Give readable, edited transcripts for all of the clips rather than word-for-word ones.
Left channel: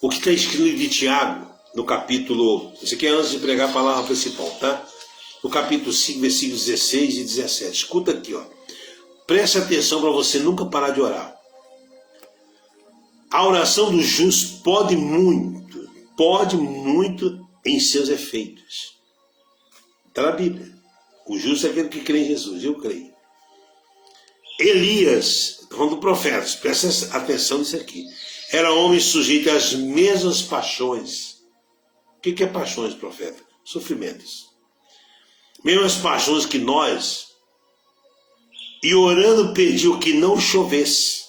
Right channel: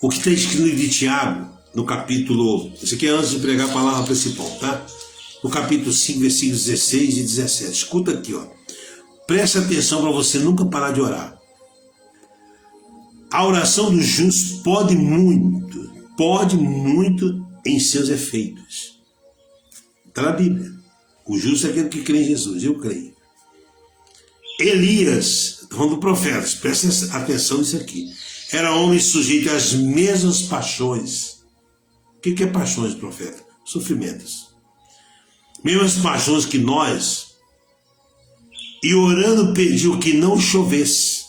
o que está escrito no livro de Tiago, no capítulo... Isso aqui é antes de pregar a palavra principal, tá? No capítulo 5, versículos 16 e 17. Escuta aqui, ó. Preste atenção para você nunca parar de orar. A oração do justo pode muito em seus efeitos. Está na Bíblia. O justo é aquele que crê em Jesus, eu creio. Elias, falando do profeta, presta atenção nisso aqui. Era homem sujeito às mesmas paixões. O que é paixões, profeta? Sofrimentos. Mesmas paixões que nós. E orando pediu que não chovesse.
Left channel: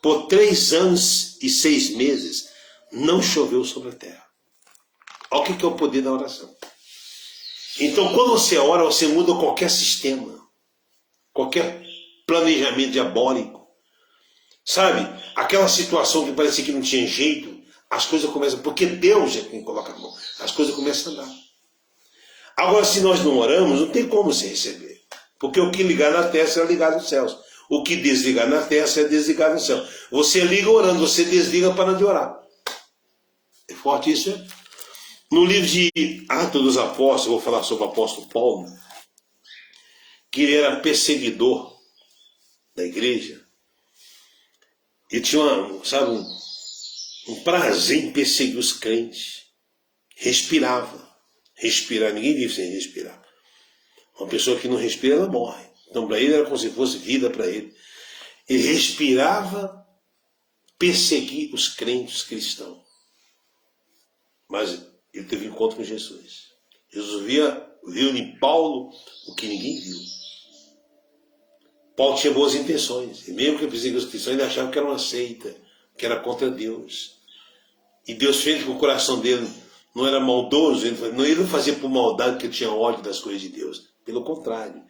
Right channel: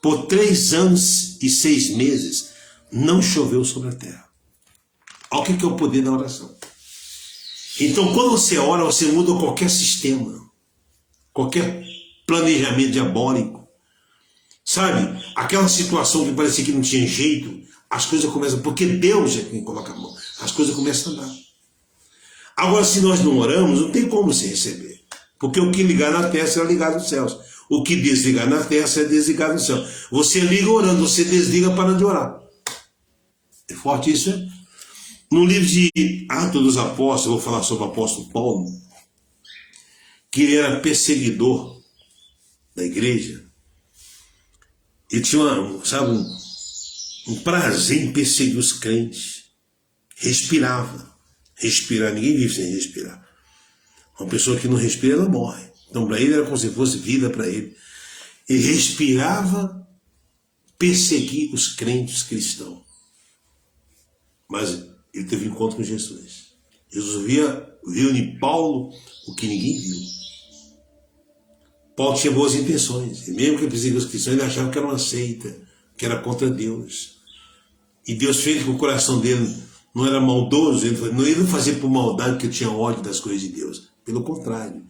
Por 3 anos e 6 meses não choveu sobre a terra. Olha o que é o poder da oração. Então, quando você ora, você muda qualquer sistema, qualquer planejamento diabólico. Sabe? Aquela situação que parecia que não tinha jeito, as coisas começam, porque Deus é quem coloca a mão, as coisas começam a andar. Agora, se nós não oramos, não tem como se receber. Porque o que ligar na terra será ligado nos céus. O que desligar na terra será desligado no céu. Você liga orando, você desliga para de orar. É forte isso, né? No livro de Atos dos Apóstolos, vou falar sobre o apóstolo Paulo, que ele era perseguidor da igreja. Ele tinha um prazer em perseguir os crentes. Respirava. Respirar, ninguém vive sem respirar. Uma pessoa que não respira, ela morre. Então, para ele, era como se fosse vida para ele. Ele respirava perseguir os crentes cristãos. Mas ele teve encontro com Jesus. Jesus viu em Paulo o que ninguém viu. Paulo tinha boas intenções. E mesmo que ele perseguia os cristãos, ele achava que era uma seita, que era contra Deus. E Deus fez que o coração dele não era maldoso, ele não fazia por maldade que tinha ódio das coisas de Deus. Pelo contrário.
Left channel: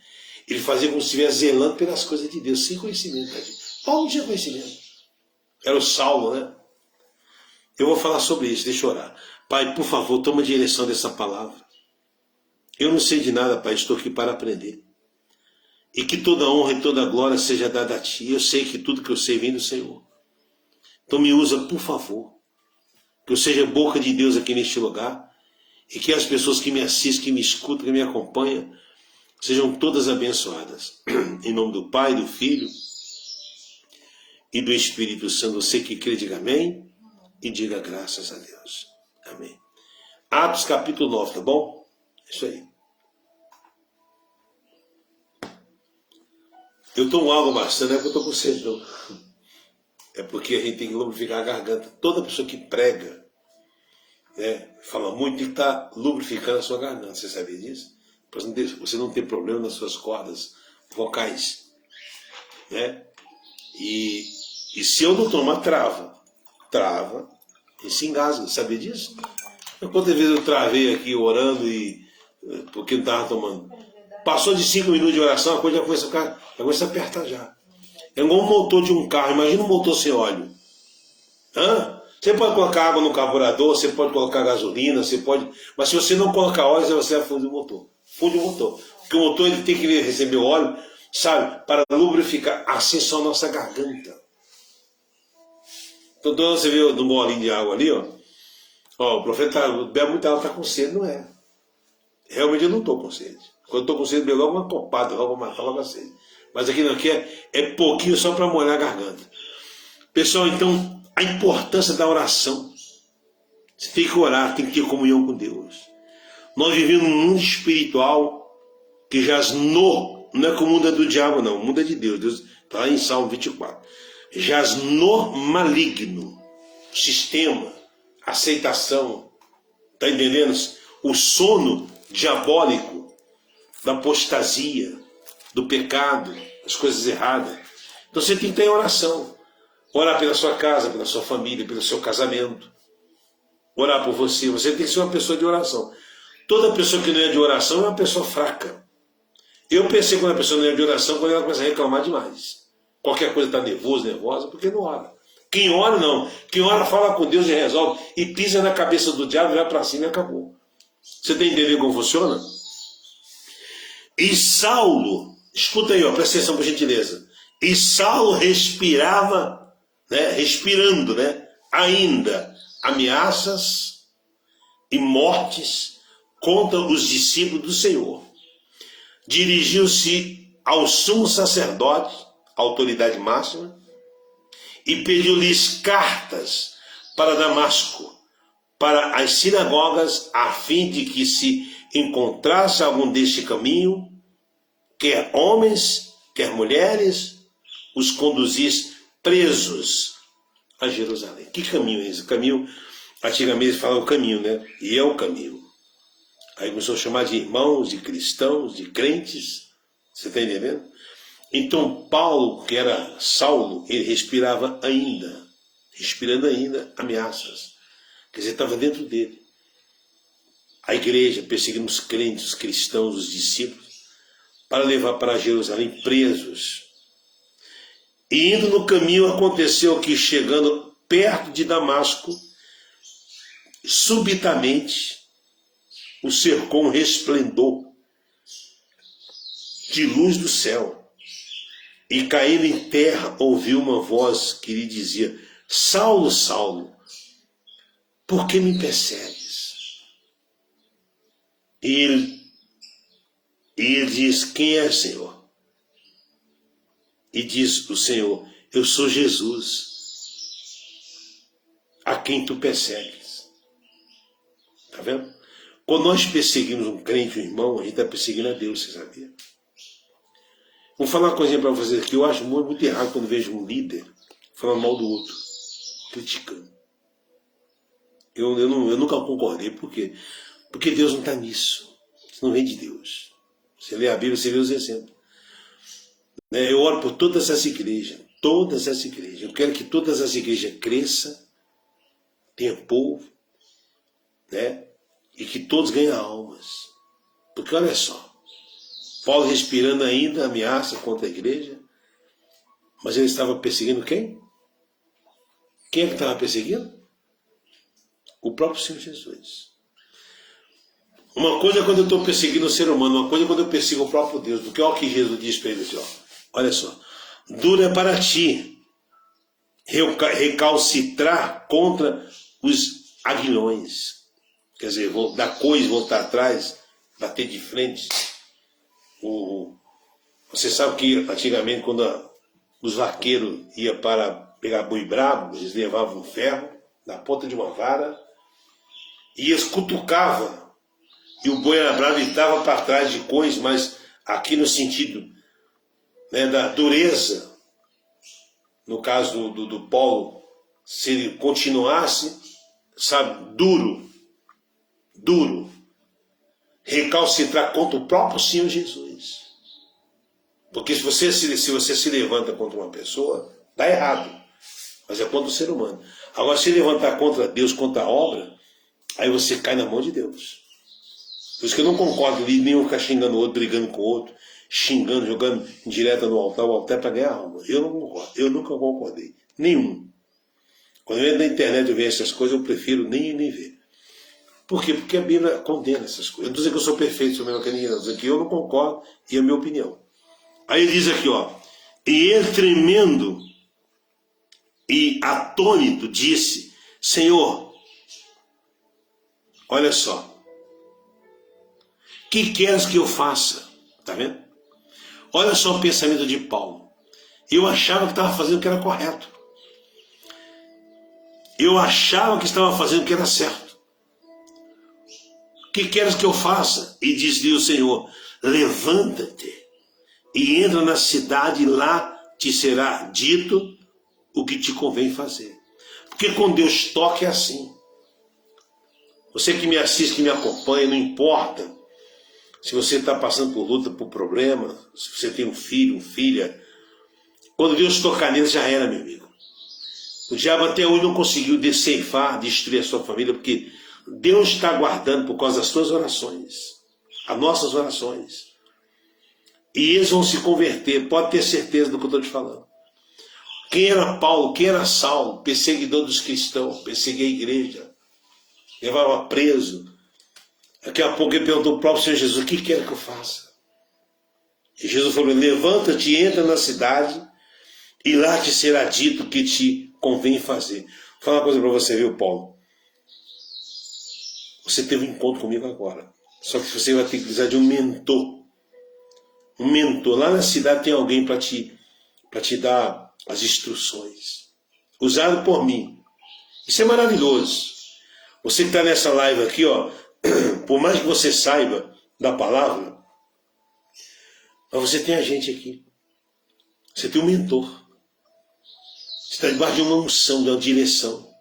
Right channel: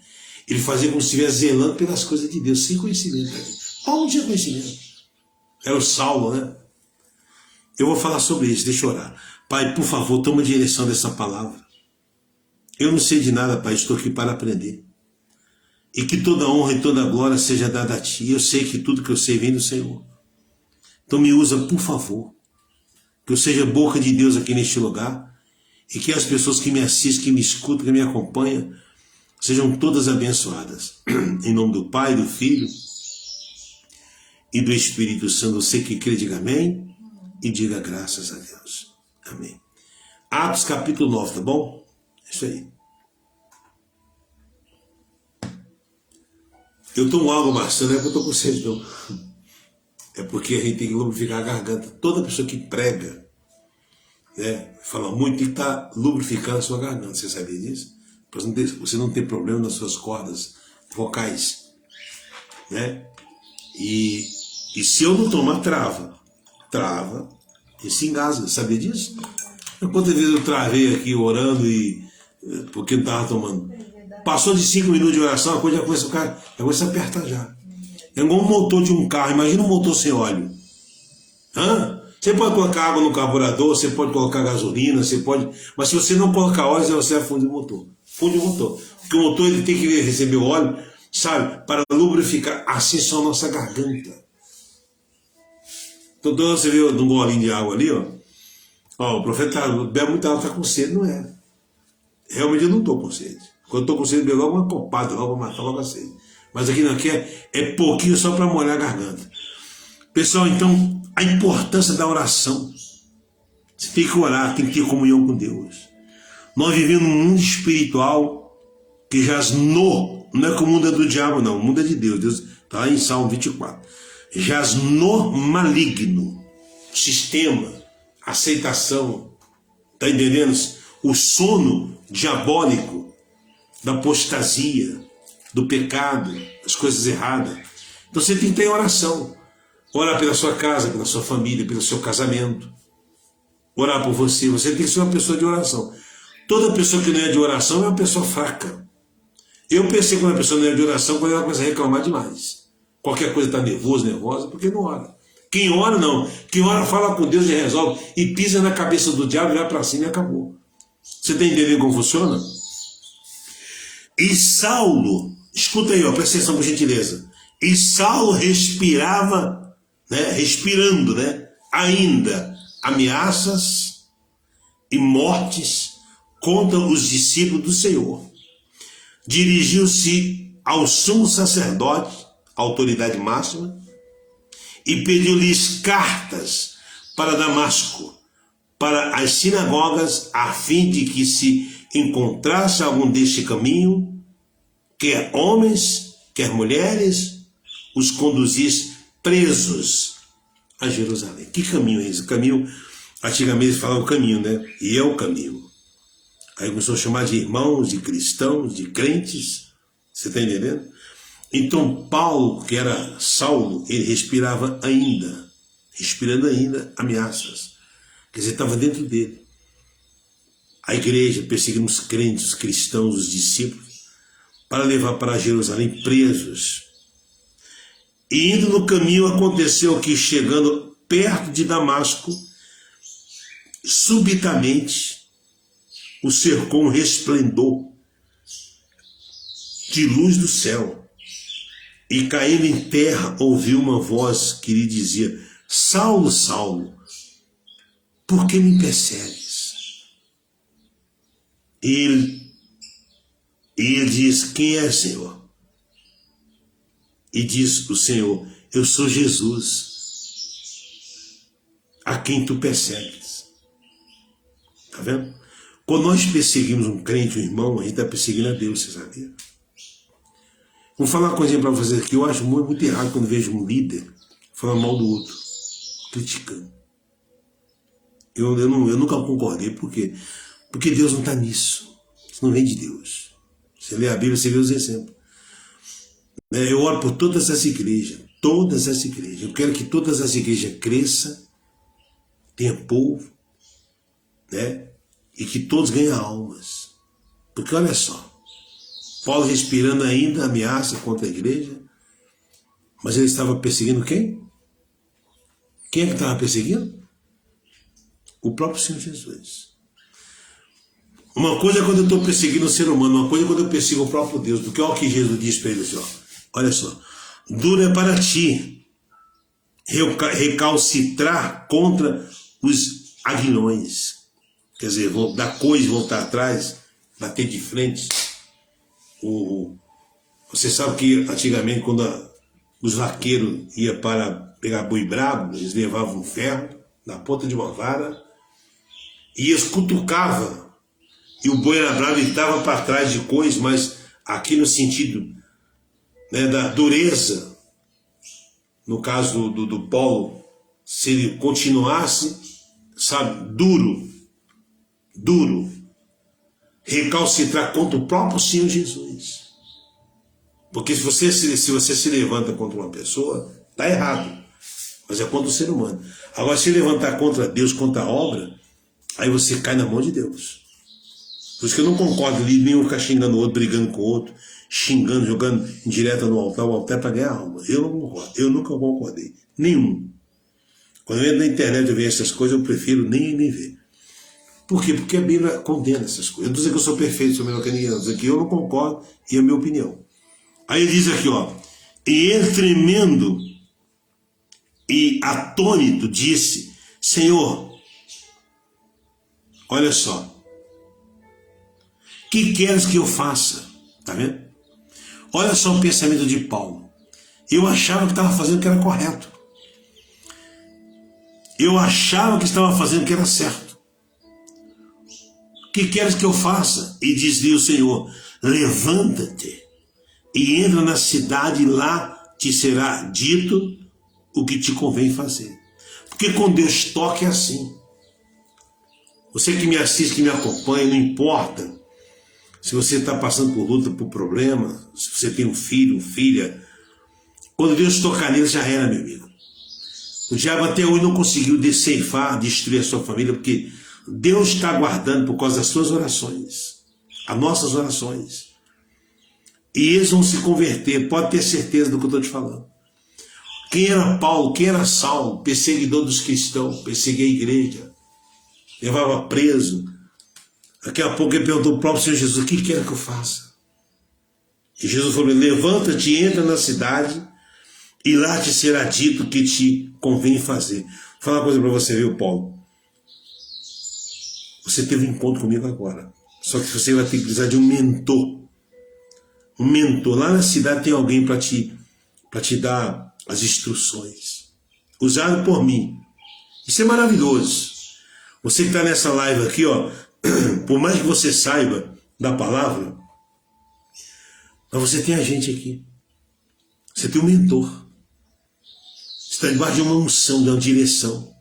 Ele fazia como se estivesse zelando pelas coisas de Deus, sem conhecimento. Paulo não tinha conhecimento. Era o Saulo, né? Eu vou falar sobre isso, deixa eu orar. Pai, por favor, toma a direção dessa palavra. Eu não sei de nada, Pai, estou aqui para aprender. E que toda honra e toda glória seja dada a Ti. Eu sei que tudo que eu sei vem do Senhor. Então me usa, por favor. Que eu seja boca de Deus aqui neste lugar. E que as pessoas que me assistem, que me escutam, que me acompanham, sejam todas abençoadas. Em nome do Pai, do Filho e do Espírito Santo. Você que crê, diga amém. E diga graças a Deus. Amém. Atos capítulo 9, tá bom? É isso aí. Eu tomo água maçã, não é que eu tô com sede, não. É porque a gente tem que lubrificar a garganta. Toda pessoa que prega, né, fala muito, tem que estar lubrificando a sua garganta. Você sabia disso? Para você não ter problema nas suas cordas vocais. Né? E se eu não tomar, trava e se engasga. Sabia disso? Quantas vezes eu travei aqui orando porque não estava tomando? Passou de 5 minutos de oração, a coisa já começa a apertar já. É igual um motor de um carro. Imagina um motor sem óleo. Você pode colocar água no carburador, você pode colocar gasolina, você pode... Mas se você não colocar óleo, você vai fundir o motor. Funde o motor. Porque o motor ele tem que receber óleo, sabe? Para lubrificar. Assim só a nossa garganta. Então, você vê um golinho de água ali, ó. Ó, o profeta bebe muita água, está com sede, não é? Realmente eu não estou com sede. Quando eu estou com sede, eu bebo logo uma copada, logo matar logo a sede. Mas aqui não, aqui é pouquinho só para molhar a garganta. Pessoal, então, a importância da oração. Você tem que orar, tem que ter comunhão com Deus. Nós vivemos num mundo espiritual que jaz não é que o mundo é do diabo, não. O mundo é de Deus. Deus está lá em Salmo 24. Jaz no maligno. Sistema, aceitação. Está entendendo? O sono diabólico da apostasia, do pecado, das coisas erradas. Então você tem que ter oração. Orar pela sua casa, pela sua família, pelo seu casamento. Orar por você. Você tem que ser uma pessoa de oração. Toda pessoa que não é de oração é uma pessoa fraca. Eu pensei que uma pessoa não é de oração quando ela começa a reclamar demais. Qualquer coisa está nervosa, porque não ora. Quem ora, não. Quem ora, fala com Deus e resolve. E pisa na cabeça do diabo, vai para cima e acabou. Você está entendendo como funciona? E Saulo, escuta aí, ó, presta atenção por gentileza. E Saulo respirava, né, respirando, né, ainda ameaças e mortes contra os discípulos do Senhor. Dirigiu-se ao sumo sacerdote, autoridade máxima, e pediu-lhes cartas para Damasco, para as sinagogas, a fim de que se encontrasse algum deste caminho, quer homens, quer mulheres, os conduzisse presos a Jerusalém. Que caminho é esse? O caminho, antigamente eles falavam o caminho, né? E é o caminho. Aí começou a chamar de irmãos, de cristãos, de crentes. Você está entendendo? Então Paulo, que era Saulo, ele respirando ainda ameaças. Quer dizer, estava dentro dele. A igreja perseguindo os crentes, os cristãos, os discípulos, para levar para Jerusalém presos. E indo no caminho aconteceu que, chegando perto de Damasco, subitamente o cercou um resplendor de luz do céu. E caindo em terra, ouviu uma voz que lhe dizia: Saulo, Saulo, por que me persegues? E ele diz: quem é, Senhor? E diz o Senhor: eu sou Jesus, a quem tu persegues. Está vendo? Quando nós perseguimos um crente, um irmão, a gente está perseguindo a Deus, você sabia? Vou falar uma coisinha para vocês aqui. Eu acho muito errado quando vejo um líder falar mal do outro, criticando. Eu nunca concordei. Por quê? Porque Deus não está nisso. Isso não vem de Deus. Você lê a Bíblia, você vê os exemplos. Eu oro por todas essas igrejas. Todas essas igrejas. Eu quero que todas as igrejas cresçam, tenha povo, né? E que todos ganhem almas. Porque olha só, Paulo respirando ainda ameaça contra a igreja, mas ele estava perseguindo quem? Quem é que estava perseguindo? O próprio Senhor Jesus. Uma coisa é quando eu estou perseguindo o ser humano, uma coisa é quando eu persigo o próprio Deus, porque olha o que Jesus diz para ele assim, ó, olha só, duro é para ti recalcitrar contra os aguilhões, quer dizer, dar coisa, voltar atrás, bater de frente. Você sabe que antigamente, quando os vaqueiros iam para pegar boi brabo, eles levavam um ferro na ponta de uma vara e eles cutucavam, e o boi era bravo e estava para trás de coisa, mas aqui no sentido, né, da dureza. No caso do Paulo, se ele continuasse, sabe, duro, recalcitrar contra o próprio Senhor Jesus. Porque se você se levanta contra uma pessoa, está errado, mas é contra o ser humano. Agora, se levantar contra Deus, contra a obra, aí você cai na mão de Deus. Por isso que eu não concordo ali, nem eu ficar xingando o outro, brigando com o outro, xingando, jogando direto no altar, o altar é para ganhar alma. Eu não concordo, eu nunca concordei, nenhum. Quando eu entro na internet e vejo essas coisas, eu prefiro nem ver. Por quê? Porque a Bíblia condena essas coisas. Eu não estou dizendo que eu sou perfeito, sou melhor que ninguém, não. Estou dizendo que eu não concordo e é a minha opinião. Aí ele diz aqui, ó, e ele tremendo e atônito disse: Senhor, olha só, que queres que eu faça? Tá vendo? Olha só o pensamento de Paulo. Eu achava que estava fazendo o que era correto. Eu achava que estava fazendo o que era certo. Que queres que eu faça? E disse-lhe o Senhor: levanta-te e entra na cidade, e lá te será dito o que te convém fazer. Porque com Deus toca é assim. Você que me assiste, que me acompanha, não importa se você está passando por luta, por problema, se você tem um filho, uma filha, quando Deus tocar nele, já era, meu amigo. O diabo até hoje não conseguiu ceifar, destruir a sua família, porque Deus está guardando por causa das suas orações, as nossas orações. E eles vão se converter, pode ter certeza do que eu estou te falando. Quem era Paulo, quem era Saulo, perseguidor dos cristãos, perseguia a igreja, levava preso. Daqui a pouco ele perguntou ao próprio Senhor Jesus: o que quer que eu faça? E Jesus falou: levanta-te, entra na cidade, e lá te será dito o que te convém fazer. falar uma coisa para você, viu, Paulo? Você teve um encontro comigo agora. Só que você vai ter que precisar de um mentor. Um mentor. Lá na cidade tem alguém para te dar as instruções. Usado por mim. Isso é maravilhoso. Você que está nessa live aqui, ó, por mais que você saiba da palavra, mas você tem a gente aqui. Você tem um mentor. Você está debaixo de uma unção, de uma direção.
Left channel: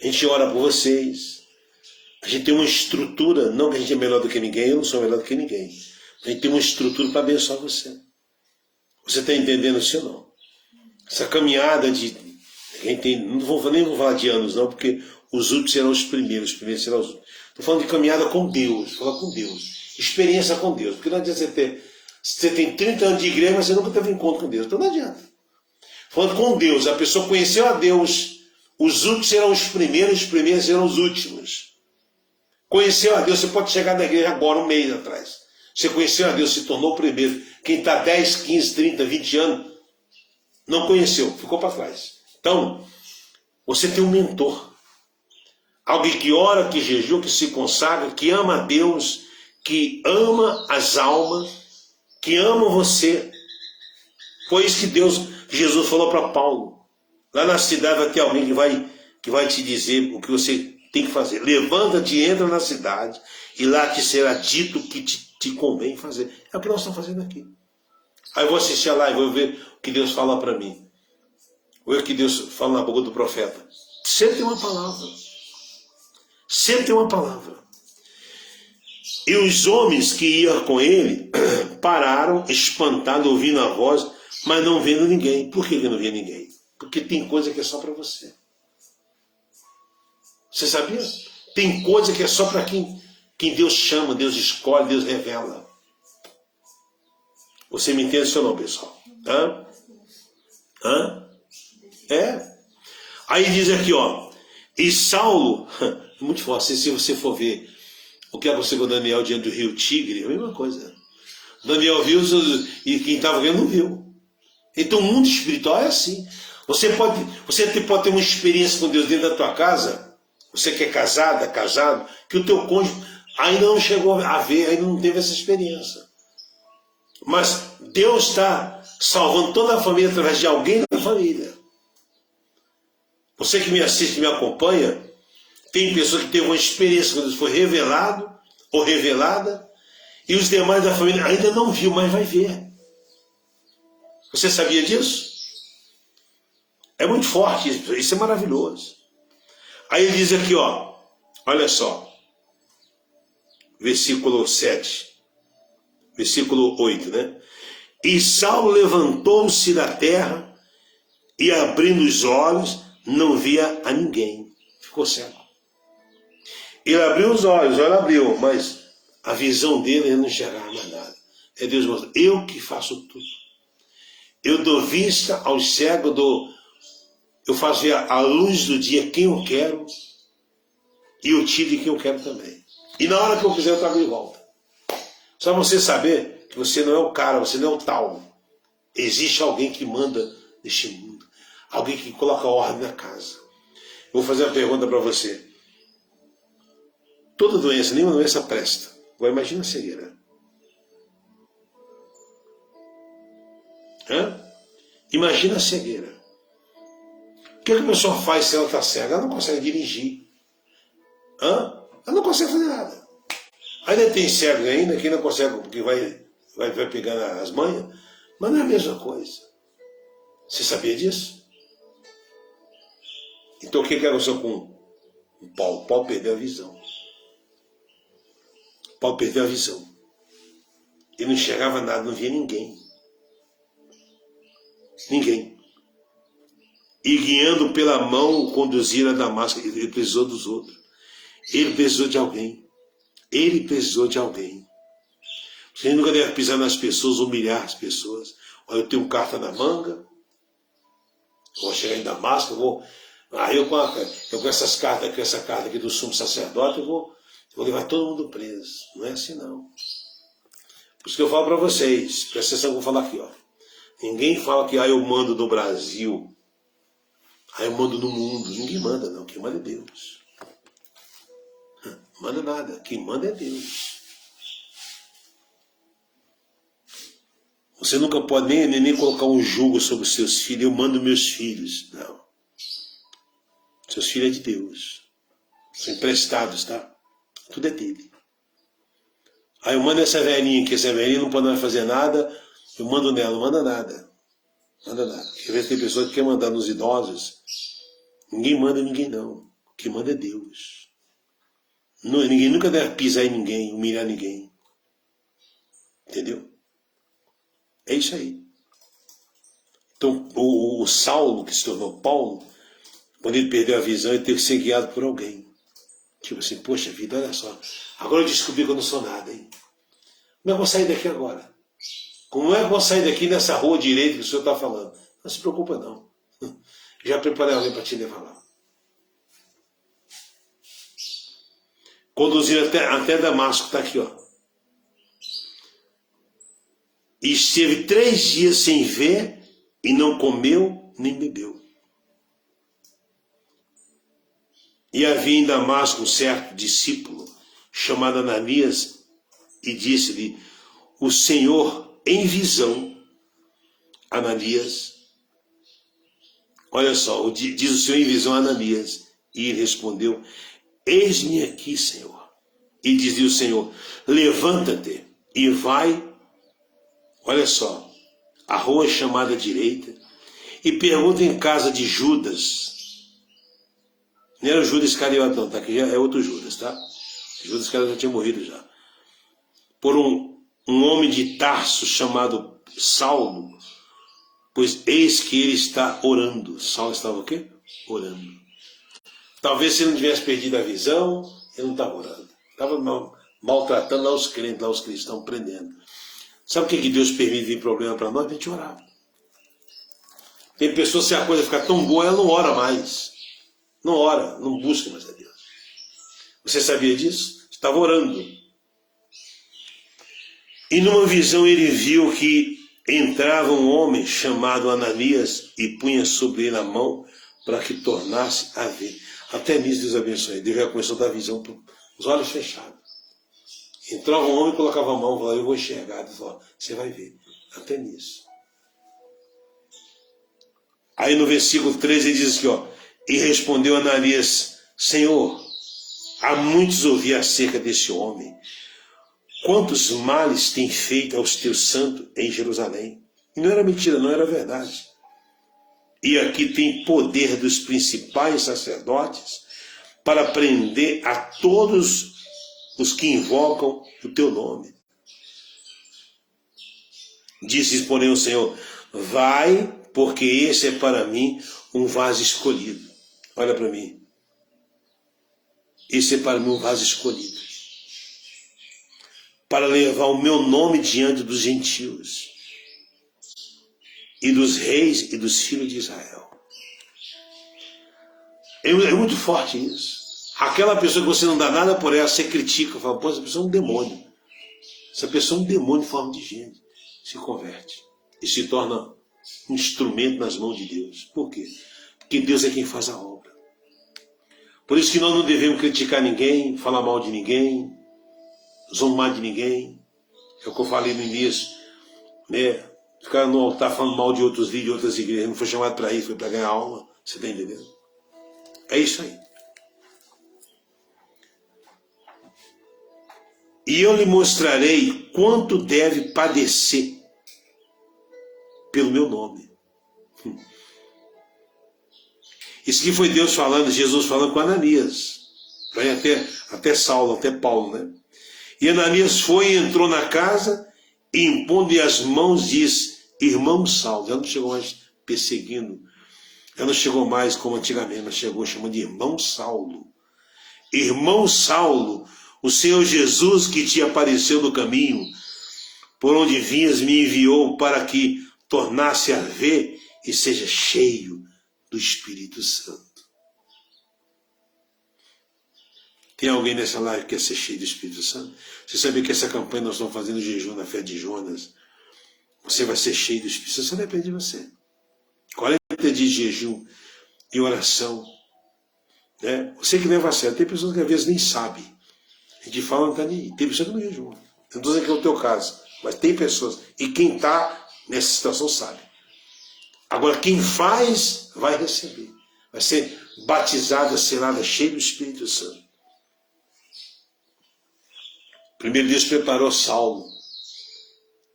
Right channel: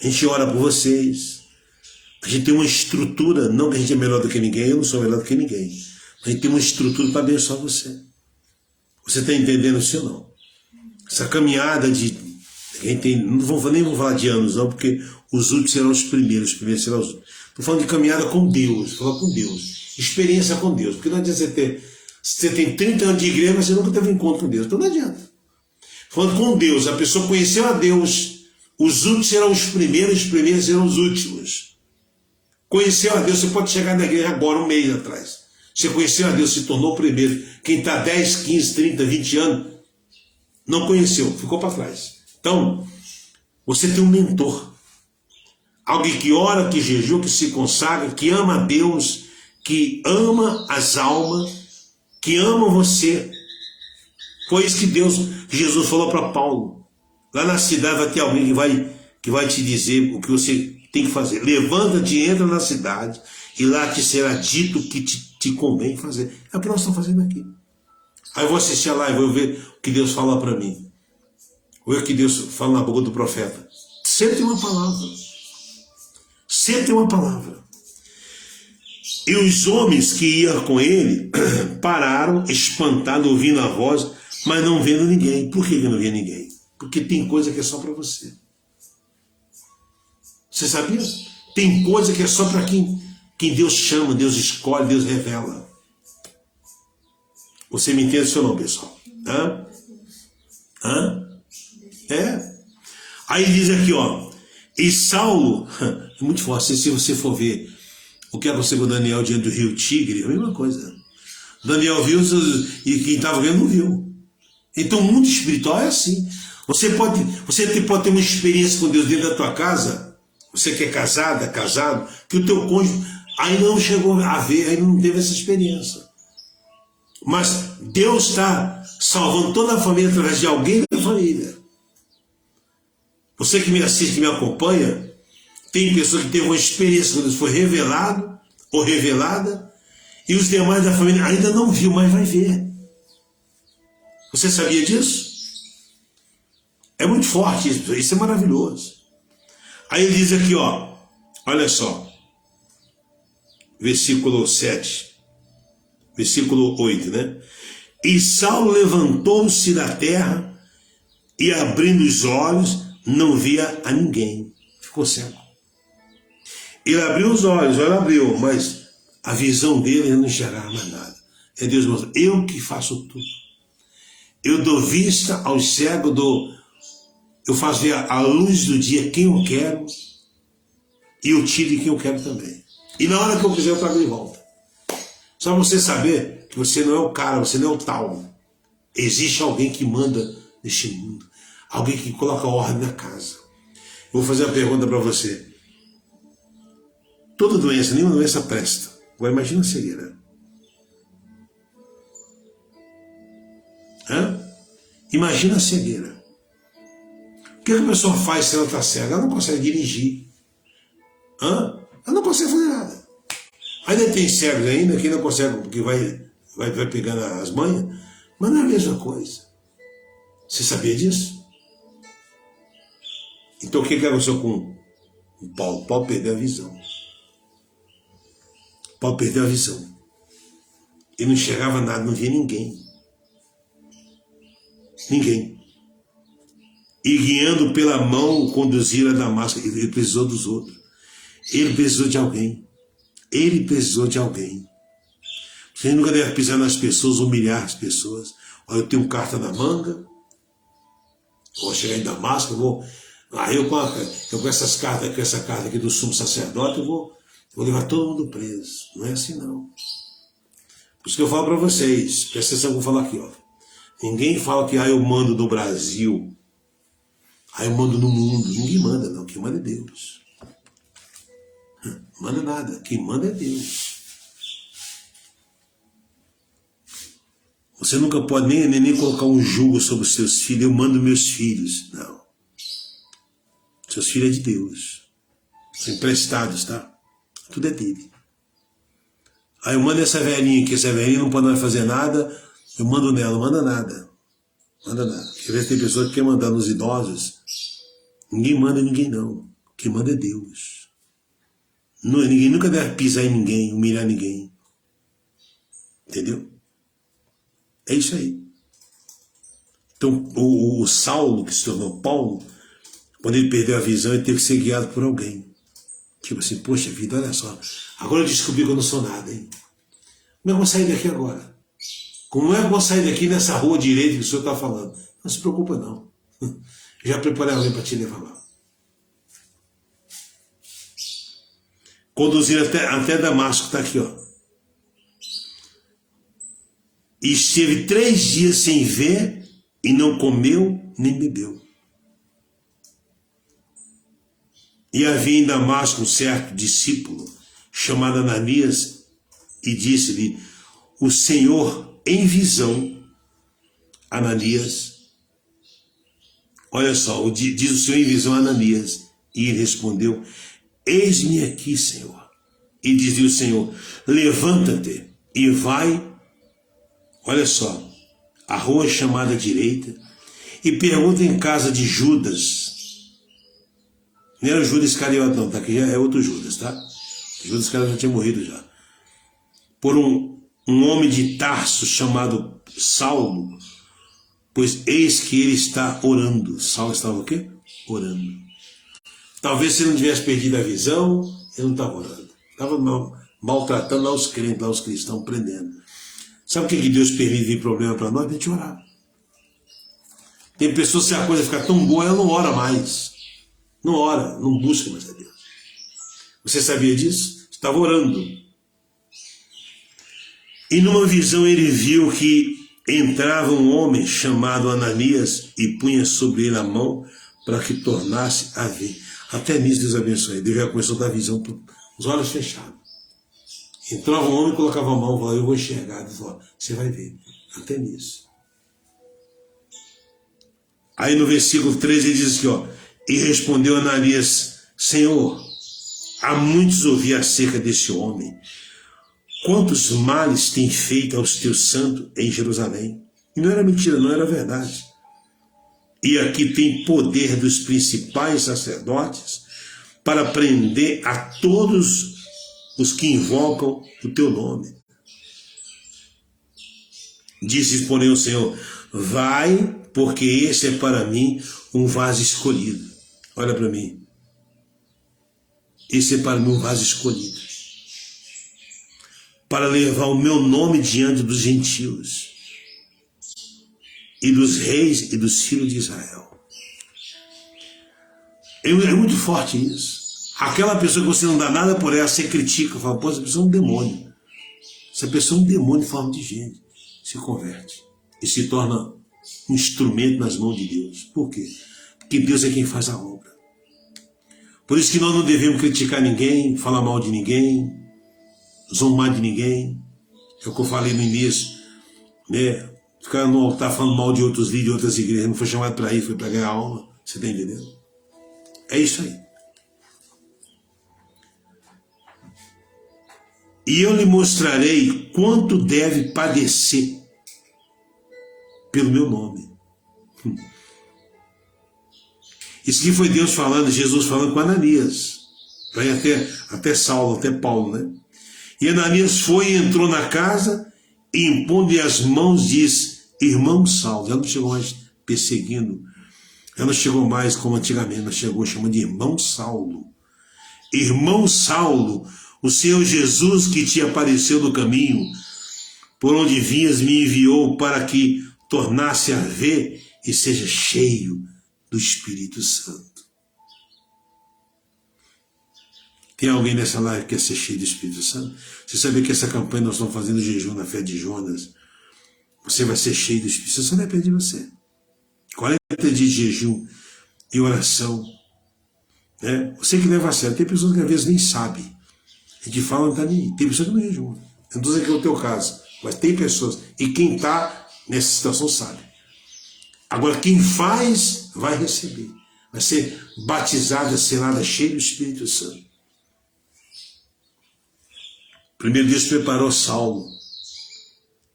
A gente ora por vocês. A gente tem uma estrutura, não que a gente é melhor do que ninguém, eu não sou melhor do que ninguém. A gente tem uma estrutura para abençoar você. Você está entendendo isso ou não? Essa caminhada de... nem vou falar de anos não, porque os últimos serão os primeiros serão os últimos. Estou falando de caminhada com Deus, falar com Deus. Experiência com Deus. Porque não adianta você tem 30 anos de igreja, mas você nunca teve encontro com Deus. Então não adianta. Falando com Deus, a pessoa conheceu a Deus, os últimos serão os primeiros serão os últimos. Conheceu a Deus, você pode chegar na igreja agora, um mês atrás. Você conheceu a Deus, se tornou o primeiro. Quem está 10, 15, 30, 20 anos, não conheceu, ficou para trás. Então, você tem um mentor. Alguém que ora, que jejua, que se consagra, que ama a Deus, que ama as almas, que ama você. Foi isso que Jesus falou para Paulo. Lá na cidade vai ter alguém que vai te dizer o que você tem que fazer. Levanta-te, entra na cidade e lá te será dito o que te convém fazer. É o que nós estamos fazendo aqui. Aí eu vou assistir a live, vou ver o que Deus fala para mim. Vou ver o que Deus fala na boca do profeta. Sempre tem uma palavra. Sempre tem uma palavra. E os homens que iam com ele pararam, espantados, ouvindo a voz, mas não vendo ninguém. Por que não via ninguém? Porque tem coisa que é só para você. Você sabia? Tem coisa que é só para quem Deus chama, Deus escolhe, Deus revela. Você me entende isso ou não, pessoal? É. Aí diz aqui, ó. E Saulo, é muito forte, se você for ver o que aconteceu com Daniel diante do rio Tigre, é a mesma coisa. Daniel viu e quem estava vendo não viu. Então o mundo espiritual é assim. Você pode ter uma experiência com Deus dentro da tua casa, você que é casado, que o teu cônjuge ainda não chegou a ver, ainda não teve essa experiência. Mas Deus está salvando toda a família através de alguém da família. Você que me assiste, que me acompanha, tem pessoas que teve uma experiência quando isso foi revelado ou revelada, e os demais da família ainda não viu, mas vai ver. Você sabia disso? É muito forte isso é maravilhoso. Aí ele diz aqui, ó, olha só, versículo 7, versículo 8, né? E Saulo levantou-se da terra e abrindo os olhos, não via a ninguém. Ficou cego. Ele abriu os olhos, ele abriu, mas a visão dele não enxergava mais nada. É Deus mostrando, eu que faço tudo. Eu dou vista aos cegos, eu faço ver a luz do dia quem eu quero e eu tiro de quem eu quero também. E na hora que eu quiser eu trago de volta. Só você saber que você não é o cara, você não é o tal. Existe alguém que manda neste mundo. Alguém que coloca ordem na casa. Eu vou fazer uma pergunta para você. Toda doença, nenhuma doença presta. Agora imagina a cegueira. Imagina a cegueira. O que a pessoa faz se ela está cega? Ela não consegue dirigir. Ela não consegue fazer nada. Ainda tem cegos ainda que não consegue, porque vai pegar as manhas, mas não é a mesma coisa. Você sabia disso? Então o que aconteceu com Paulo? Paulo perdeu a visão. Paulo perdeu a visão. Ele não enxergava nada, não via ninguém. Ninguém. E guiando pela mão, conduziram a Damasco. Ele precisou dos outros. Ele precisou de alguém. Ele precisou de alguém. Você nunca deve pisar nas pessoas, humilhar as pessoas. Olha, eu tenho carta na manga. Vou chegar em Damasco, eu com essas cartas, com essa carta aqui do sumo sacerdote, eu vou levar todo mundo preso. Não é assim, não. Por isso que eu falo para vocês, presta atenção que eu vou falar aqui, ó. Ninguém fala que eu mando no Brasil. Aí eu mando no mundo. Ninguém manda, não. Quem manda é Deus. Manda nada. Quem manda é Deus. Você nunca pode nem colocar um jugo sobre os seus filhos. Eu mando meus filhos. Não. Seus filhos é de Deus. São emprestados, tá? Tudo é dele. Aí eu mando essa velhinha aqui. Essa velhinha não pode mais fazer nada. Eu mando nela. Não manda nada. Manda nada. Às vezes tem pessoas que querem mandar nos idosos. Ninguém manda em ninguém, não. Quem manda é Deus. Ninguém nunca deve pisar em ninguém, humilhar ninguém. Entendeu? É isso aí. Então, o Saulo, que se tornou Paulo, quando ele perdeu a visão, ele teve que ser guiado por alguém. Tipo assim, poxa vida, olha só. Agora eu descobri que eu não sou nada, hein? Como é que eu vou sair daqui agora? Como é que eu vou sair daqui nessa rua direita que o senhor está falando? Não se preocupa, não. Já preparei alguém para te levar lá. Conduziram até Damasco, está aqui, ó. E esteve 3 dias sem ver e não comeu nem bebeu. E havia em Damasco um certo discípulo chamado Ananias e disse-lhe: o Senhor em visão, Ananias, olha só, diz o Senhor em visão a Ananias, e ele respondeu: eis-me aqui, Senhor. E dizia o Senhor: levanta-te e vai, olha só, a rua chamada direita, e pergunta em casa de Judas. Não era o Judas Iscariote, não, tá? Aqui já é outro Judas, tá? Judas Iscariote já tinha morrido já. Por um homem de Tarso chamado Saulo, pois eis que ele está orando. Saulo estava o quê? Orando. Talvez se ele não tivesse perdido a visão, ele não estava orando. Estava maltratando lá os crentes, lá os cristãos, prendendo. Sabe o que Deus permite de problema para nós? A gente orar. Tem pessoas, se a coisa ficar tão boa, ela não ora mais. Não ora, não busca mais a Deus. Você sabia disso? Estava orando. E numa visão ele viu que entrava um homem chamado Ananias e punha sobre ele a mão para que tornasse a ver. Até nisso Deus abençoe. Deus já começou a dar visão com os olhos fechados. Entrava um homem, colocava a mão e falava: eu vou enxergar. Ele falou: você vai ver. Até nisso. Aí no versículo 13 ele diz aqui, ó: e respondeu Ananias: Senhor, há muitos ouvi acerca desse homem. Quantos males tem feito aos teus santos em Jerusalém? E não era mentira, não era verdade. E aqui tem poder dos principais sacerdotes para prender a todos os que invocam o teu nome. Disse, porém, o Senhor: vai, porque esse é para mim um vaso escolhido. Olha para mim. Esse é para mim um vaso escolhido, para levar o meu nome diante dos gentios e dos reis e dos filhos de Israel. É muito forte isso. Aquela pessoa que você não dá nada por ela, você critica, fala: pô, essa pessoa é um demônio. Essa pessoa é um demônio em forma de gente. Se converte e se torna um instrumento nas mãos de Deus. Por quê? Porque Deus é quem faz a obra. Por isso que nós não devemos criticar ninguém, falar mal de ninguém, zombar de ninguém. É o que eu falei no início, né? Ficar no altar falando mal de outros líderes, de outras igrejas. Não foi chamado para isso, foi para ganhar alma. Você está entendendo? É isso aí. E eu lhe mostrarei quanto deve padecer pelo meu nome. Isso aqui foi Deus falando, Jesus falando com Ananias. Vai até Saulo, até Paulo, né? E Ananias foi e entrou na casa e, impondo-lhe as mãos, diz: irmão Saulo. Já não chegou mais perseguindo, já não chegou mais como antigamente, mas chegou chamando de irmão Saulo. Irmão Saulo, o Senhor Jesus que te apareceu no caminho, por onde vinhas, me enviou para que tornasse a ver e seja cheio do Espírito Santo. Tem alguém nessa live que quer ser cheio do Espírito Santo? Você sabia que essa campanha nós estamos fazendo jejum na fé de Jonas? Você vai ser cheio do Espírito Santo, só depende de você. 40 dias de jejum. e oração. Né? Você que leva a sério, tem pessoas que às vezes nem sabem. A gente fala, não está nem aí. Tem pessoas que não jejum. Eu não estou dizendo que é o teu caso, mas tem pessoas. E quem está nessa situação sabe. Agora, quem faz, vai receber. Vai ser batizada, selada, cheia do Espírito Santo. Primeiro Deus preparou Saulo.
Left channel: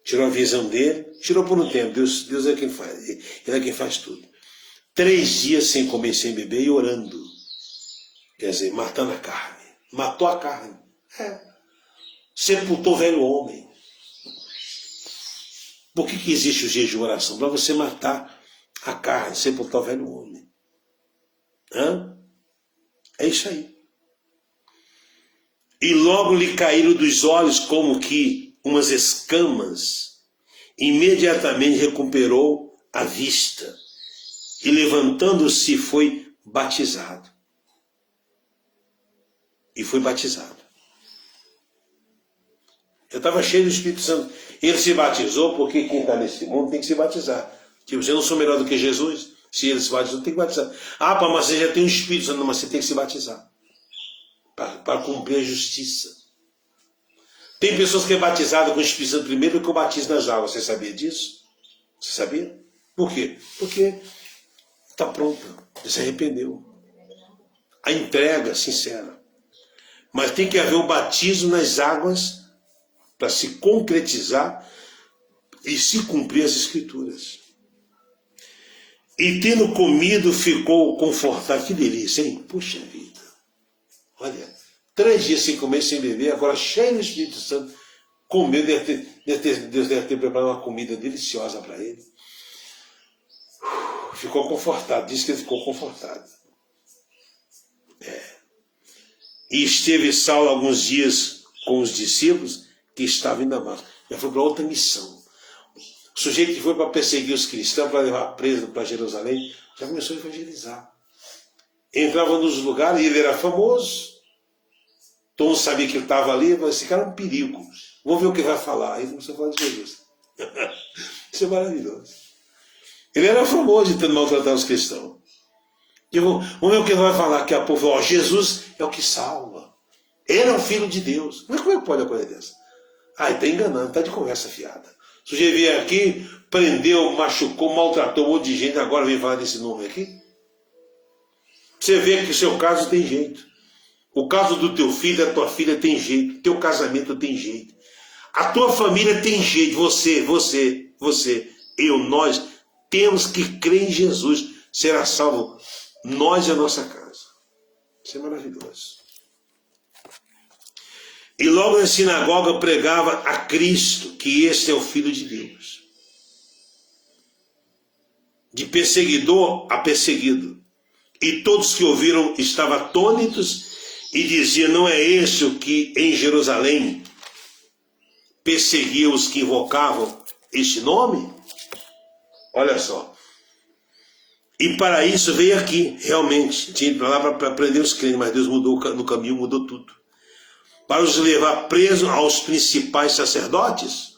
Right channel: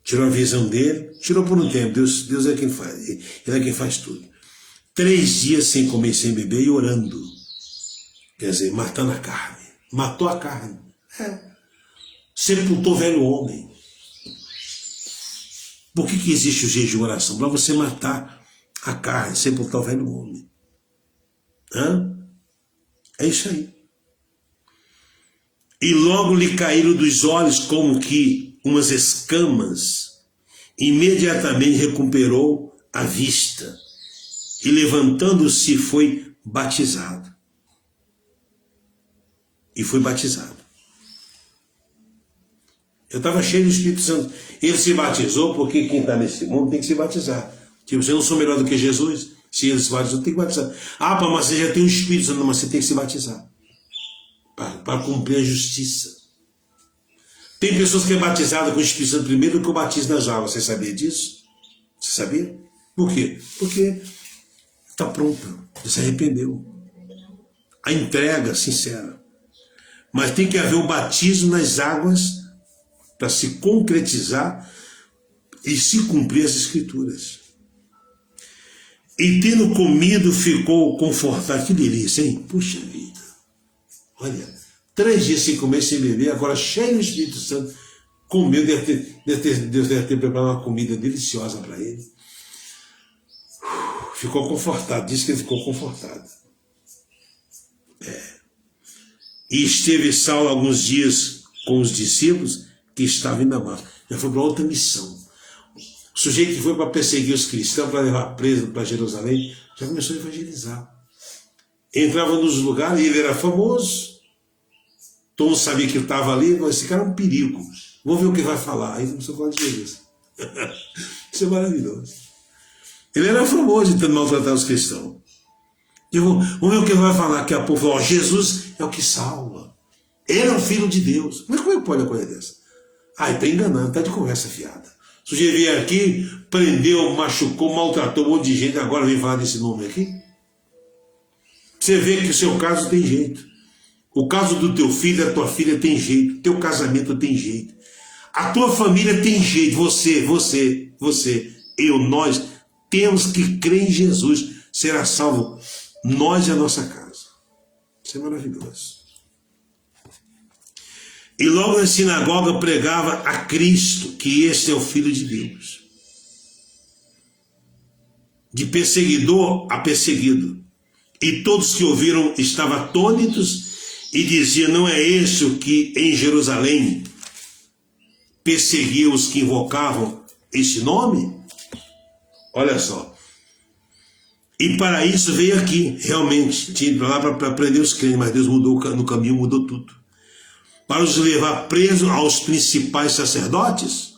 Tirou a visão dele, tirou por um tempo. Deus é quem faz. Ele é quem faz tudo. 3 dias sem comer, sem beber e orando. Quer dizer, matando a carne. Matou a carne. Sepultou o velho homem. Por que existe o jejum e oração? Para você matar a carne, sepultar o velho homem. É isso aí. E logo lhe caíram dos olhos como que umas escamas. Imediatamente recuperou a vista. E levantando-se foi batizado. E foi batizado. Eu estava cheio do Espírito Santo. Ele se batizou porque quem está nesse mundo tem que se batizar. Tipo, você não sou melhor do que Jesus? Se ele se batizou, tem que batizar. Ah, mas você já tem o Espírito Santo, mas você tem que se batizar. Para cumprir a justiça. Tem pessoas que é batizada com o Espírito Santo primeiro que o batismo nas águas. Você sabia disso? Você sabia? Por quê? Porque está pronta. Ele se arrependeu. A entrega sincera. Mas tem que haver um batismo nas águas para se concretizar e se cumprir as Escrituras. E tendo comido, ficou confortável. Que delícia, hein? Puxa vida. Olha, 3 dias sem comer, sem beber, agora cheio do Espírito Santo, comeu, Deus deve ter preparado uma comida deliciosa para ele. Ficou confortado, disse que ele ficou confortado. E esteve Saulo alguns dias com os discípulos que estavam em Damasco. Já foi para outra missão. O sujeito que foi para perseguir os cristãos, para levar preso para Jerusalém, já começou a evangelizar. Entrava nos lugares e ele era famoso. Todo mundo sabia que ele estava ali, mas esse cara é um perigo. Vamos ver o que vai falar. Aí começou a falar de Jesus. Isso é maravilhoso. Ele era famoso tentando maltratar os cristãos. E vamos ver o que vai falar. Que a povo falou, Jesus é o que salva. Ele é o Filho de Deus. Mas como é que pode uma coisa dessa? Está enganando, está de conversa fiada. O sujeito veio aqui, prendeu, machucou, maltratou um monte de gente, agora vem falar desse nome aqui. Você vê que o seu caso tem jeito. O caso do teu filho, da tua filha tem jeito. Teu casamento tem jeito. A tua família tem jeito. Você, eu, nós, temos que crer em Jesus. Será salvo nós e a nossa casa. Isso é maravilhoso. E logo na sinagoga pregava a Cristo, que esse é o Filho de Deus. De perseguidor a perseguido. E todos que ouviram estavam atônitos e diziam, não é esse o que em Jerusalém perseguia os que invocavam este nome? Olha só. E para isso veio aqui, realmente. Tinha ido lá para prender os crentes, mas Deus mudou no caminho, mudou tudo. Para os levar presos aos principais sacerdotes.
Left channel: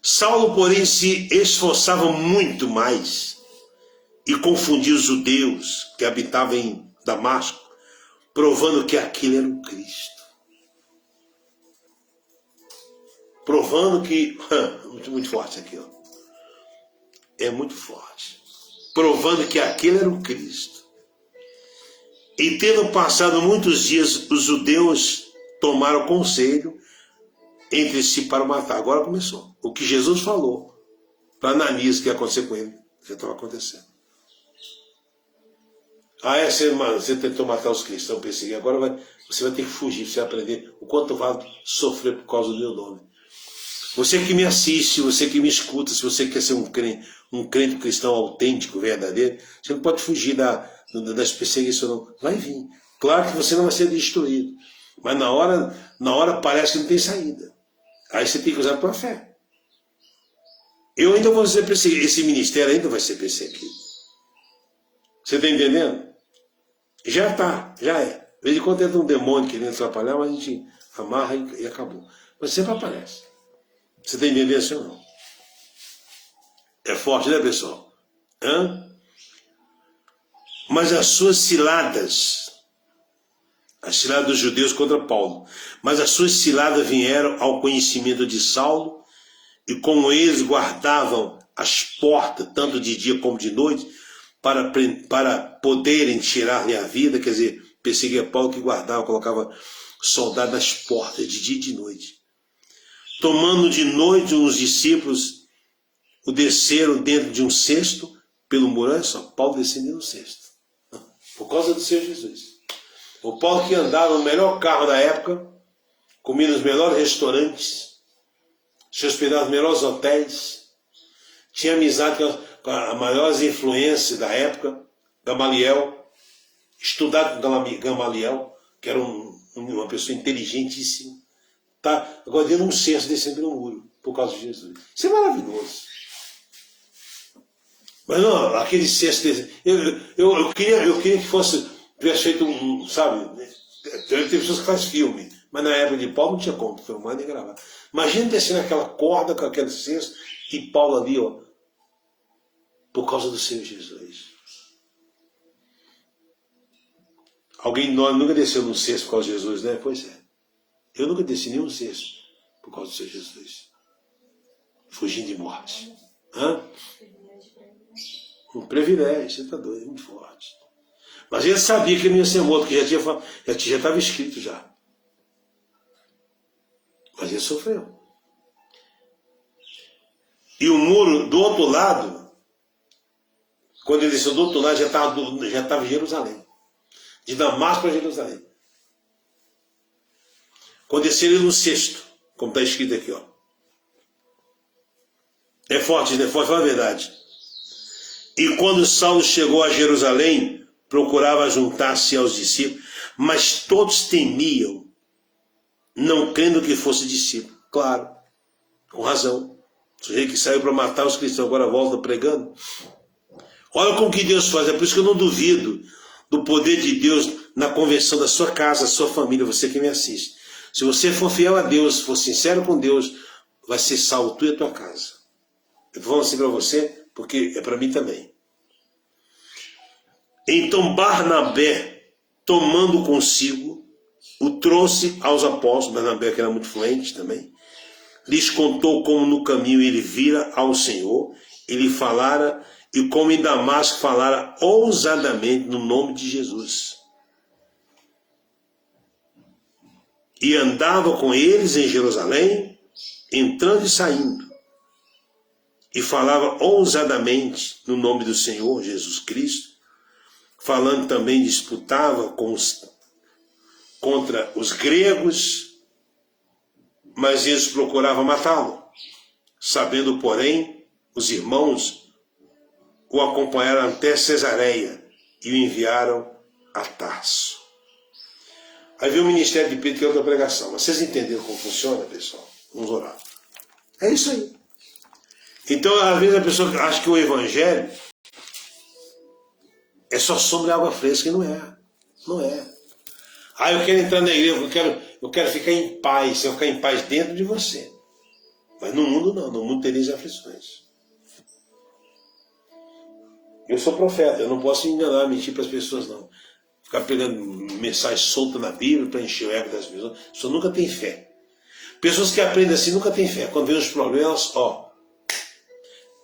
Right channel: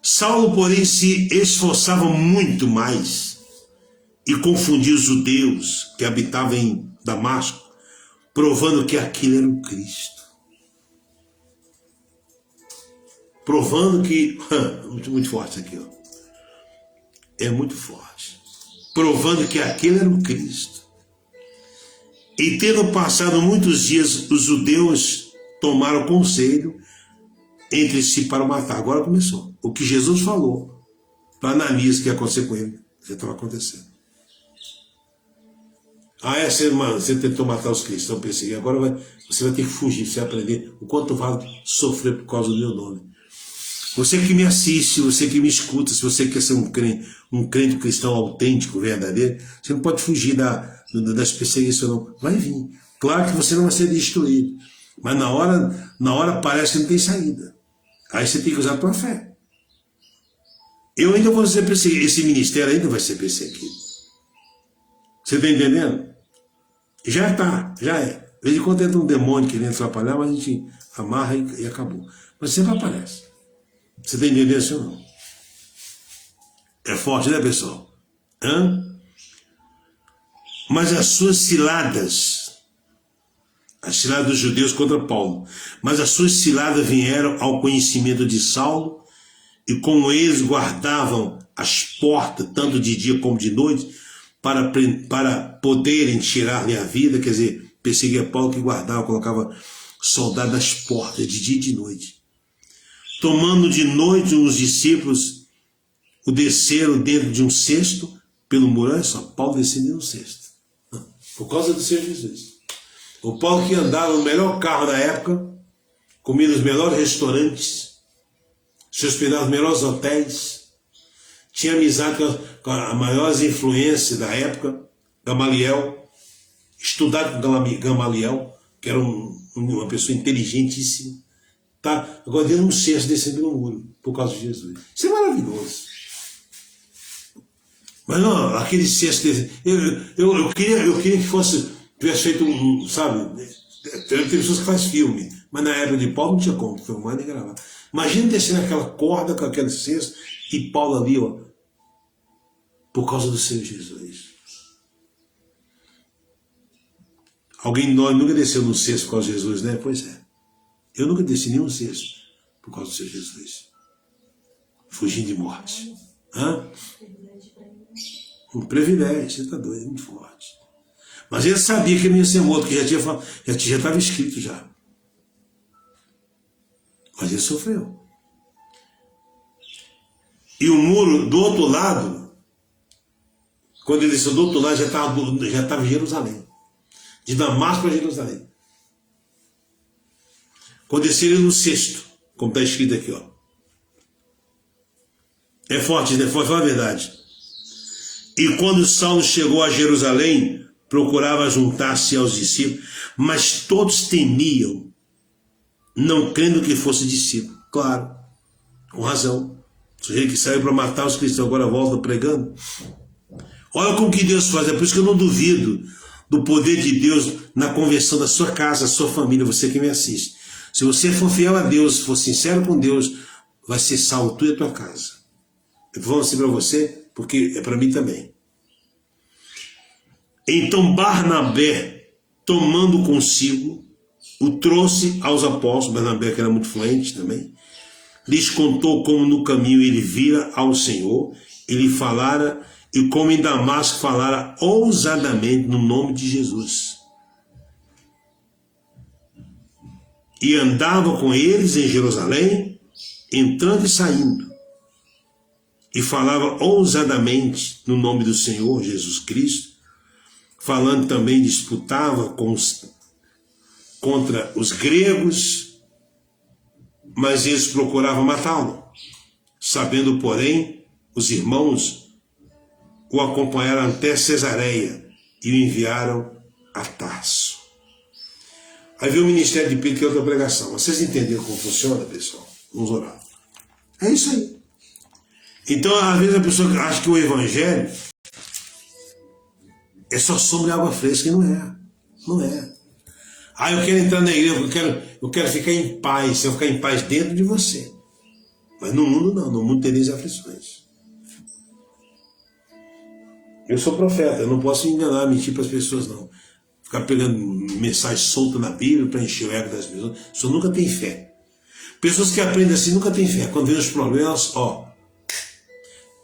Saulo, porém, se esforçava muito mais e confundia os judeus que habitavam em Damasco, provando que aquele era o Cristo. Provando que... muito forte isso aqui, ó. É muito forte. Provando que aquele era o Cristo. E tendo passado muitos dias, os judeus tomaram conselho entre si para o matar. Agora começou. O que Jesus falou para Ananias que ia acontecer com ele, já estava acontecendo. Você tentou matar os cristãos, perseguir, agora você vai ter que fugir, você vai aprender o quanto vale sofrer por causa do meu nome. Você que me assiste, você que me escuta, se você quer ser um crente cristão autêntico, verdadeiro, você não pode fugir das perseguições, não. Vai vir. Claro que você não vai ser destruído, mas na hora parece que não tem saída. Aí você tem que usar a tua fé. Eu ainda vou ser perseguido, esse ministério ainda vai ser perseguido. Você está entendendo? Já é. De vez em quando entra um demônio querendo atrapalhar, mas a gente amarra e acabou. Mas sempre aparece. Você está entendendo assim ou não? É forte, né, pessoal? Mas as suas ciladas, as ciladas dos judeus contra Paulo, mas as suas ciladas vieram ao conhecimento de Saulo, e como eles guardavam as portas, tanto de dia como de noite, para poderem tirar-lhe a vida, quer dizer, perseguia Paulo que guardava, colocava soldado nas portas de dia e de noite. Tomando de noite os discípulos, o desceram dentro de um cesto, pelo muro. Olha só, Paulo descendo no cesto, por causa do Senhor Jesus. O Paulo que andava no melhor carro da época, comia nos melhores restaurantes, se hospedava nos melhores hotéis, tinha amizade com as maiores influências da época, Gamaliel, estudado com Gamaliel, que era uma pessoa inteligentíssima. Tá? Agora dentro de um cesto descendo no muro, por causa de Jesus. Isso é maravilhoso. Mas não, aquele cesto, eu queria que fosse, tivesse feito sabe, tem pessoas que fazem filme, mas na época de Paulo não tinha como filmar nem gravar. Imagina descendo aquela corda com aquele cesto e Paulo ali, ó, por causa do Senhor Jesus. Alguém de nós nunca desceu num cesto por causa de Jesus, né? Pois é. Eu nunca desci nenhum cesto por causa do Senhor Jesus. Fugindo de morte. Hã? Um privilégio, você está doido, é muito forte. Mas ele sabia que ele não ia ser morto, que já estava escrito já. Mas ele sofreu. E o muro do outro lado, quando ele desceu do outro lado, já estava em Jerusalém. De Damasco para Jerusalém. Quando desceram no cesto, como está escrito aqui, ó. É forte, né? Fala a verdade. E quando Saulo chegou a Jerusalém, procurava juntar-se aos discípulos, mas todos temiam, não crendo que fosse discípulo. Claro, com razão. O sujeito que saiu para matar os cristãos agora volta pregando. Olha como que Deus faz. É por isso que eu não duvido do poder de Deus na conversão da sua casa, da sua família, você que me assiste. Se você for fiel a Deus, for sincero com Deus, vai ser salvo tu e a tua casa. Eu estou falando assim para você, porque é para mim também. Então Barnabé, tomando consigo, o trouxe aos apóstolos. Barnabé, que era muito fluente também, lhes contou como no caminho ele vira ao Senhor, ele falara, e como em Damasco falara ousadamente no nome de Jesus. E andava com eles em Jerusalém, entrando e saindo, e falava ousadamente no nome do Senhor Jesus Cristo, falando também, disputava contra os gregos, mas eles procuravam matá-lo. Sabendo, porém, os irmãos o acompanharam até Cesareia e o enviaram a Tarso. Aí veio o ministério de Pedro, que é outra pregação. Mas vocês entenderam como funciona, pessoal? Vamos orar. É isso aí. Então, às vezes a pessoa acha que o evangelho é só sombra e água fresca, e não é. Não é. Ah, eu quero entrar na igreja, eu quero ficar em paz. Eu ficar em paz dentro de você. Mas no mundo não. No mundo tereis aflições. Eu sou profeta, eu não posso enganar, mentir para as pessoas, não. Ficar pegando mensagem solta na Bíblia para encher o ego das pessoas. Isso nunca tem fé. Pessoas que aprendem assim nunca têm fé. Quando vem os problemas, ó,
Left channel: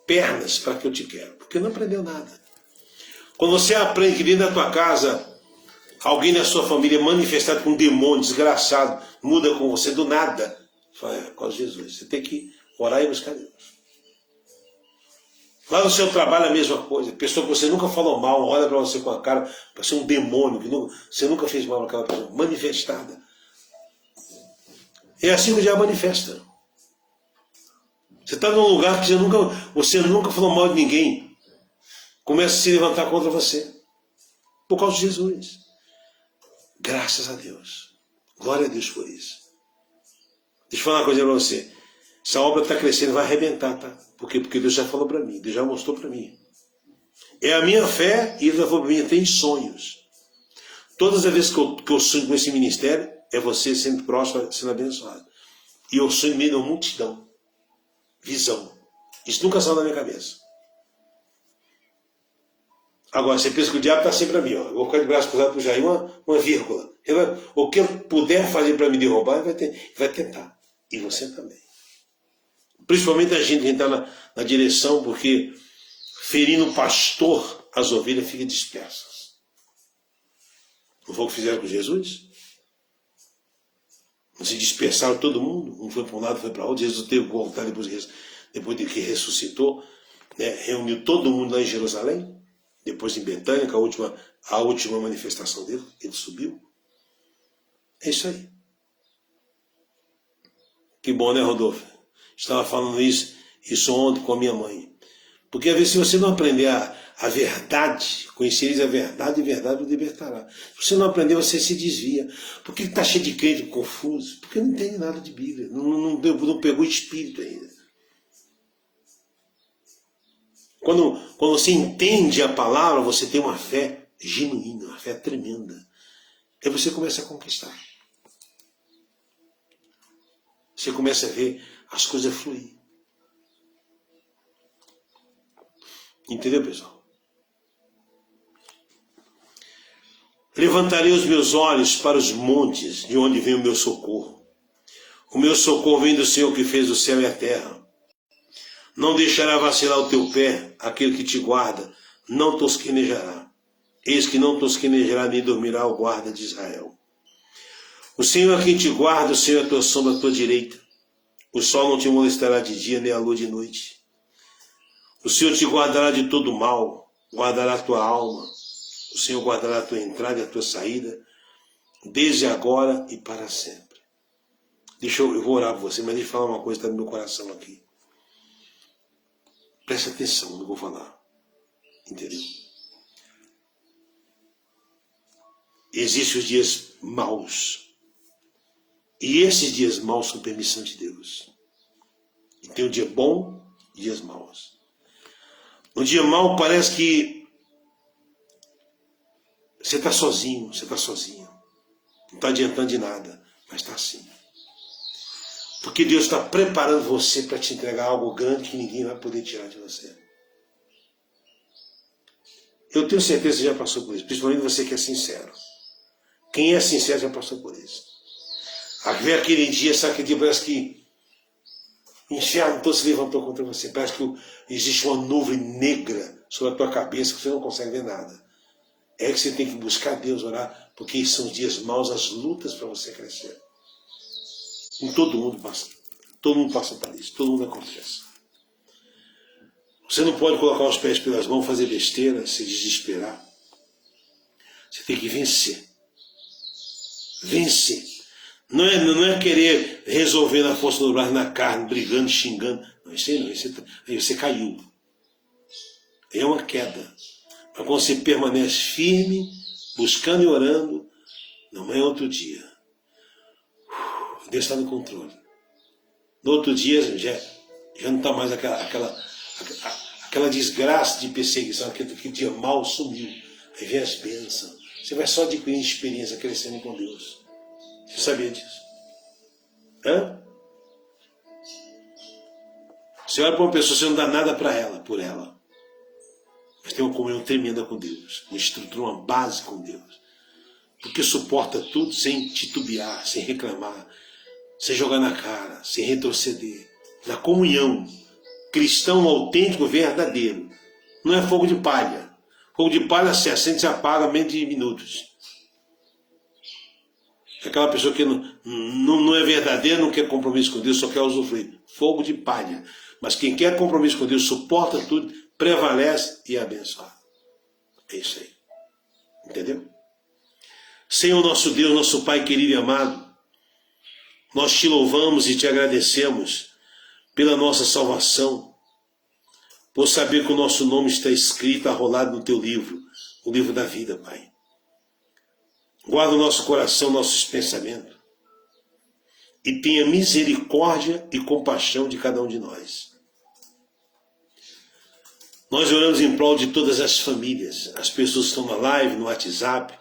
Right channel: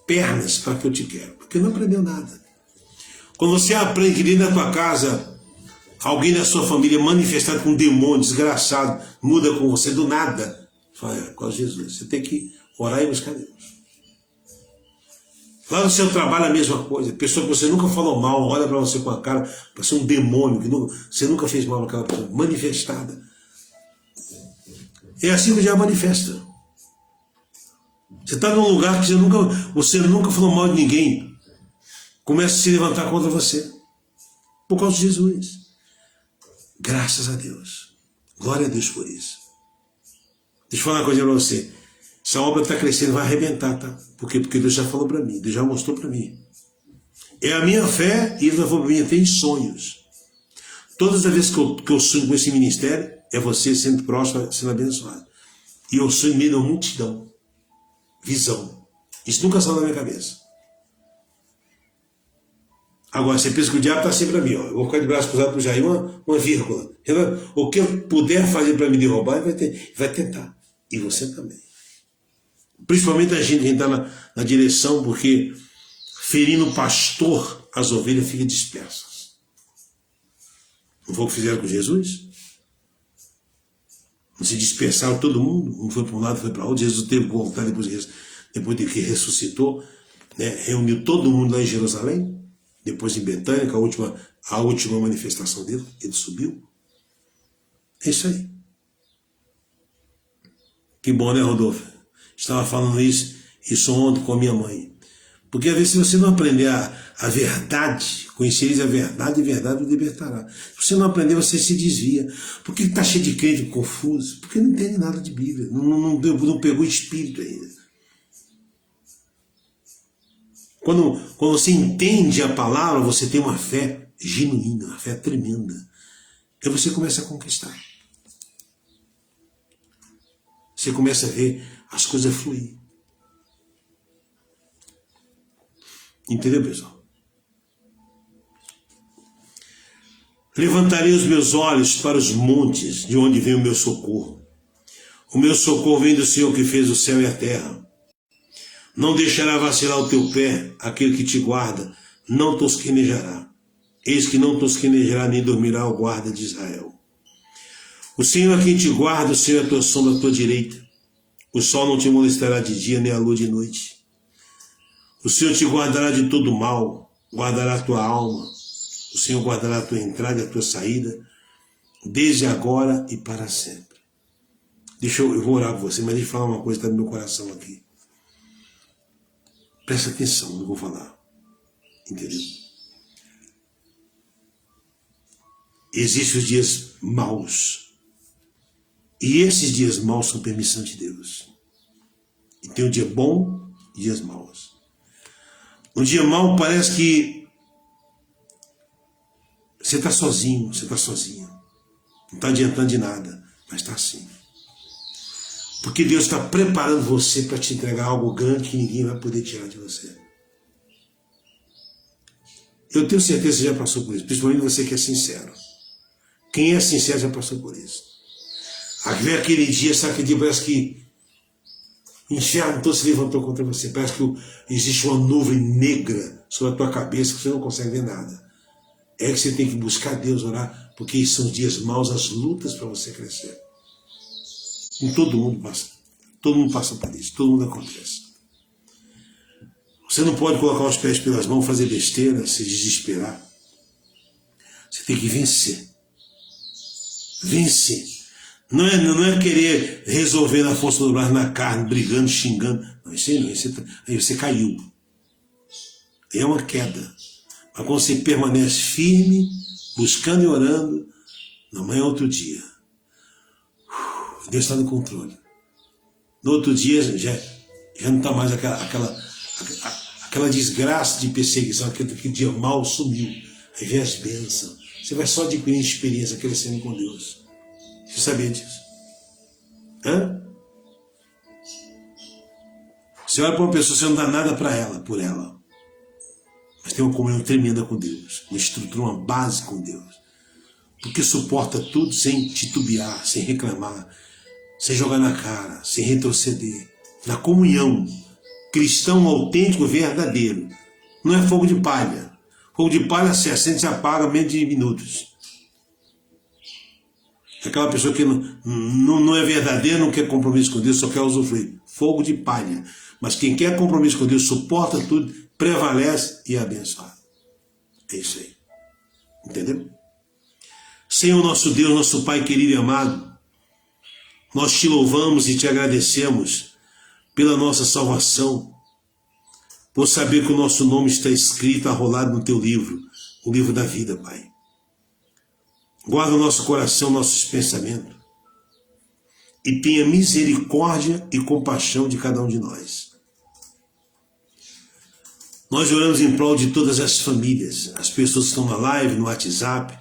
pernas para que eu te quero. Porque não aprendeu nada. Quando você aprende que dentro da tua casa, alguém da sua família manifestado com um demônio desgraçado, muda com você do nada, fala, é, por causa de Jesus. Você tem que orar e buscar Deus. Lá no seu trabalho a mesma coisa. Pessoa que você nunca falou mal, olha para você com a cara, para ser um demônio, que você nunca fez mal naquela pessoa, manifestada. É assim que o diabo manifesta. Você está num lugar que você nunca falou mal de ninguém. Começa a se levantar contra você. Por causa de Jesus. Graças a Deus. Glória a Deus por isso. Deixa eu falar uma coisa para você. Essa obra está crescendo, vai arrebentar, tá? Por quê? Porque Deus já falou para mim, Deus já mostrou para mim. É a minha fé e Ele já falou para mim, tem sonhos. Todas as vezes que eu sonho com esse ministério, é você sendo próximo, sendo abençoado. E eu sonho meio de uma multidão. Visão. Isso nunca saiu da minha cabeça. Agora, você pensa que o diabo está sempre a mim, ó. Eu vou ficar de braço cruzado para o Jair, uma vírgula. O que ele puder fazer para me derrubar, ele vai tentar. E você também. Principalmente a gente que está na direção, porque ferindo o pastor, as ovelhas ficam dispersas. Não foi o que fizeram com Jesus? Não se dispersaram todo mundo? Um foi para um lado, foi para outro. Jesus teve que voltar depois de que ressuscitou, né? Reuniu todo mundo lá em Jerusalém. Depois em Betânia, com a última manifestação dele, ele subiu. É isso aí. Que bom, né, Rodolfo? Estava falando isso ontem com a minha mãe. Porque às vezes se você não aprender a verdade, conhecereis a verdade e a verdade o libertará. Se você não aprender, você se desvia. Por que está cheio de crente confuso? Porque não entende nada de Bíblia, não pegou espírito ainda. Quando você entende a palavra, você tem uma fé genuína, uma fé tremenda. Aí você começa a conquistar. Você começa a ver as coisas fluir. Entendeu, pessoal? Levantarei os meus olhos para os montes, de onde vem o meu socorro. O meu socorro vem do Senhor que fez o céu e a terra. Não deixará vacilar o teu pé, aquele que te guarda, não tosquenejará. Eis que não tosquenejará nem dormirá o guarda de Israel. O Senhor é quem te guarda, o Senhor é a tua sombra à tua direita. O sol não te molestará de dia, nem a lua de noite. O Senhor te guardará de todo mal, guardará a tua alma. O Senhor guardará a tua entrada e a tua saída, desde agora e para sempre. Eu vou orar por você, mas deixa eu falar uma coisa que está no meu coração aqui. Presta atenção no que eu vou falar. Entendeu? Existem os dias maus. E esses dias maus são permissão de Deus. E tem um dia bom e dias maus. No dia mau parece que você está sozinho, você está sozinha. Não está adiantando de nada, mas está assim. Porque Deus está preparando você para te entregar algo grande que ninguém vai poder tirar de você. Eu tenho certeza que você já passou por isso, principalmente você que é sincero. Quem é sincero já passou por isso. Vem aquele dia, sabe aquele dia, parece que o inferno todo se levantou contra você. Parece que existe uma nuvem negra sobre a tua cabeça que você não consegue ver nada. É que você tem que buscar Deus, orar, porque são dias maus, as lutas para você crescer. E todo mundo passa por isso, todo mundo acontece. Você não pode colocar os pés pelas mãos, fazer besteira, se desesperar. Você tem que vencer. Vencer. Não é querer resolver na força do braço, na carne, brigando, xingando. Não, isso aí não. Aí você caiu. Aí é uma queda. Mas quando você permanece firme, buscando e orando, não é outro dia. Deus está no controle. No outro dia já não está mais aquela desgraça de perseguição, aquele dia mal sumiu. Aí vem as bênçãos. Você vai só adquirindo experiência, crescendo com Deus. Você sabia disso? Hã? Você olha para uma pessoa, você não dá nada para ela, por ela. Mas tem uma comunhão tremenda com Deus. Uma estrutura, uma base com Deus. Porque suporta tudo sem titubear, sem reclamar, sem jogar na cara, sem retroceder. Na comunhão. Cristão autêntico, verdadeiro. Não é fogo de palha. Fogo de palha se acende e se apaga em menos de minutos. Aquela pessoa que não é verdadeira, não quer compromisso com Deus, só quer usufruir. Fogo de palha. Mas quem quer compromisso com Deus, suporta tudo, prevalece e abençoa. É isso aí. Entendeu? Senhor nosso Deus, nosso Pai querido e amado, nós te louvamos e te agradecemos pela nossa salvação, por saber que o nosso nome está escrito, arrolado no teu livro, o livro da vida, Pai. Guarda o nosso coração, nossos pensamentos, e tenha misericórdia e compaixão de cada um de nós. Nós oramos em prol de todas as famílias, as pessoas que estão na live, no WhatsApp,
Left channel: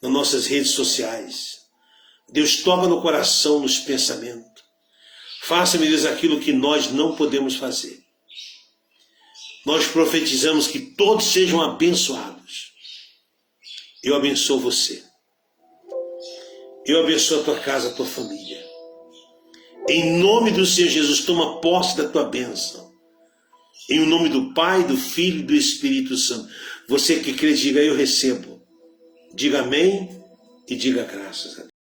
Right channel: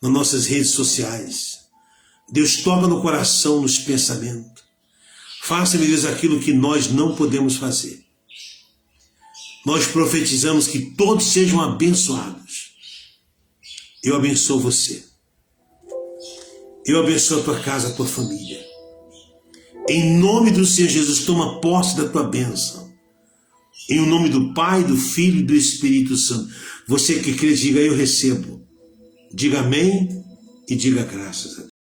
nas nossas redes sociais. Deus, toca no coração, nos pensamentos. Faça-me, Deus, aquilo que nós não podemos fazer. nós profetizamos que todos sejam abençoados. Eu abençoo você. Eu abençoo a tua casa, a tua família. Em nome do Senhor Jesus, toma posse da tua bênção. Em o nome do Pai, do Filho e do Espírito Santo. Você que crê, diga: eu recebo. Diga amém e diga graças a Deus.